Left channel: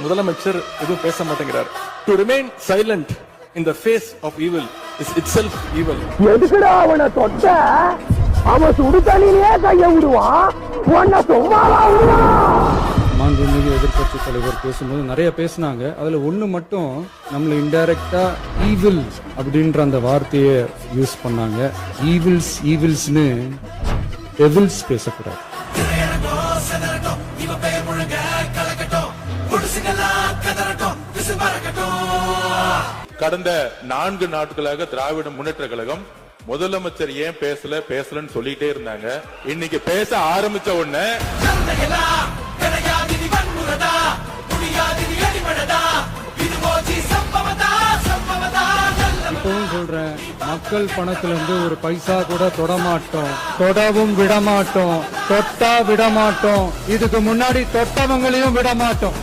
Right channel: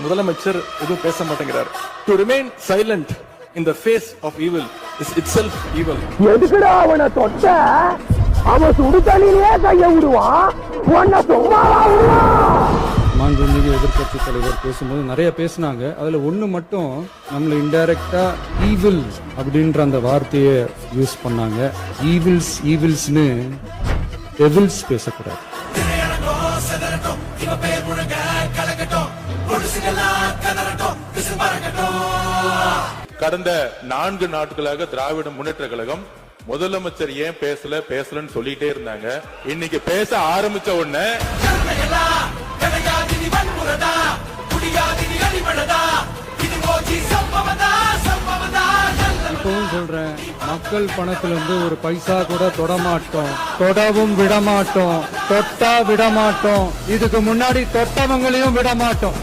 முதலமைச்சர் எதுவும் பேச மாட்டேங்கிறார். To remain silent in the face of evil is itself evil. எதுக்குடா அவனை தொட்ட? அவன் சுடு தண்ணியிலே கைய விடுவான், உன்னை சும்மாவா விடுவான்? மாண்புமிகு எதிர்கட்சி தலைவர் பேசும்போது நிறைய பேசினாங்க. அதுல ஒண்ணு மட்டும் நம்மள இன்டைரக்டா ஈவில் அப்படின்ற அந்த வார்த்தையை யூஸ் பண்ணாங்க. ஈவில்ஸ்னு டெவில்ஸ் பேசக்கூடாது. கடந்த 4 நாட்களாக திராவிட முன்னேற்ற கழகம் முதலமைச்சர் ஏன் பேசலன்னு சொல்லிட்டே இருந்தாங்க. இன்னைக்கு பேச ஆரம்பிச்ச உடனே இப்பவும் சொல்றேன், மக்கள் பணத்துல இருந்து ஒரு பைசா கூட தொடமாட்டோம், தொடவும் விடமாட்டோம், தொட்டா விடமாட்டோம், இதுக்கு முன்னாடி தொட்டவங்களையும் விடமாட்டோம்.